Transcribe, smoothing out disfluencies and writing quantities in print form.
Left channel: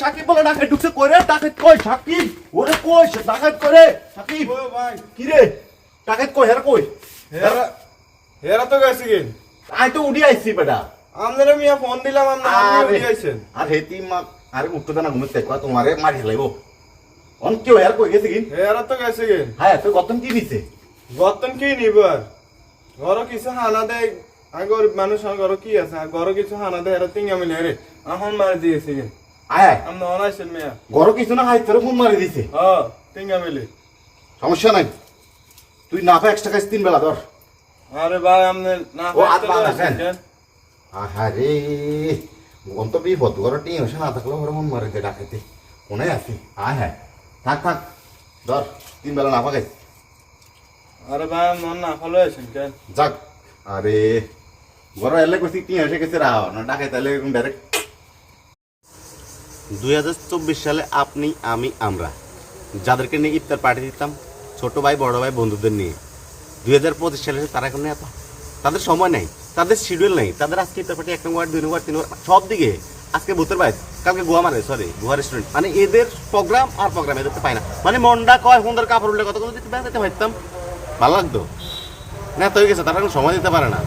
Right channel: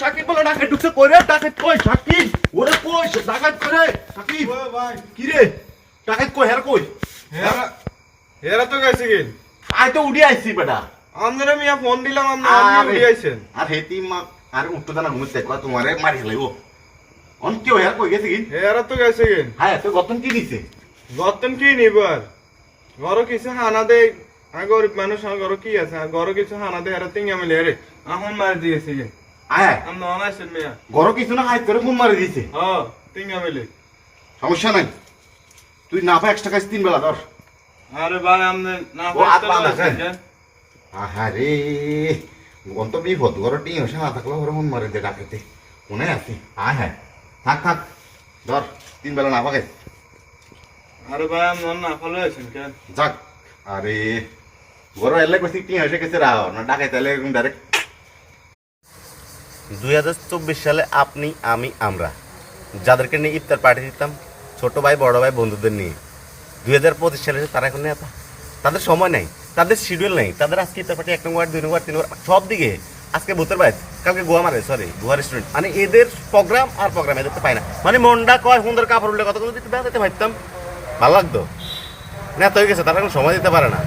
সাকিব বলে ডাকাত ঢুকছে কইরে ডাকাত কই সাকিব ওরে কই ডাকাত করে সাকিব ও ভাই কি রে ডাকাত কই হের কই হেরা হেরা তো গেছে গেন আই তো উড়ি আইছি বেটা আমরা মিয়া ফোন দিলাম আপনি উঠে আইছেন আর হেতি মা আর উঠতো না ঘুমতে কয় তোমারে মারি লাইবো অন কেউ হের কই গেছে কি হেরা তো গেছে গেন হ্যাঁ তো গতন কি দিছে গতন কি নিবার ঘর কিছু হানা দে আগর মানুষ ঘর কি আছে ঘর কিছু হানা দে হেরা তিনগা মিলে রে এখন মারি দিয়েছে গেন আয় আমরা অনাইছেন মিয়া গরো কিছু না হাই তোরে ফোন মারি দিছে হ্যাঁ তিনগা মিলে সমস্যা নাই তুই না পা এক্সট্রা কাজ 3 বেলা ধর আরে ভাই আপনি না ও, আর বাবা পারতে খায়। কেন আহারে অন্ত বিপদ ঘর টিং হসে না থাকলে ঘর মন মারি দে ডাকাতে কোনে আছি আয় হ্যাঁ থাক থাক ধর 3 বেলা না পাকে আরে ভাই মন না ফলো আছেন কেন যাক আরে ঘর এলে কইছি টিং হসে গেছে রাও না ডাকাই তাইলে ডাইরেক্ট 2024 সালে আপনি আমি আমরা যাদেরকে নিয়ে ইফতার পার্টি দিতাম ছোট ভাই বড় ভাই বন্ধুদের নিয়ে 2025 সালে তারা এখন নেই তাদের সময় নাই তাদের শিডিউল নেই তাদের আজকে ইফতার পার্টি 1 নম্বর 2 নম্বর 3 নম্বর সব দিকে আজকে ভূতের বাইর কালকে গোয়া মারে সরি গোয়া রেস্টুরেন্ট মানে এদের প্রোগ্রাম আর প্রোগ্রাম এদের তো পায় না মানে মনটা কয় সুন্দর কাপড় উঠলে কত কথা দিতে ভাবতাম ভালো লাগতো না তো হয়ে গেছে তারা এখন সময় দিতে পারে না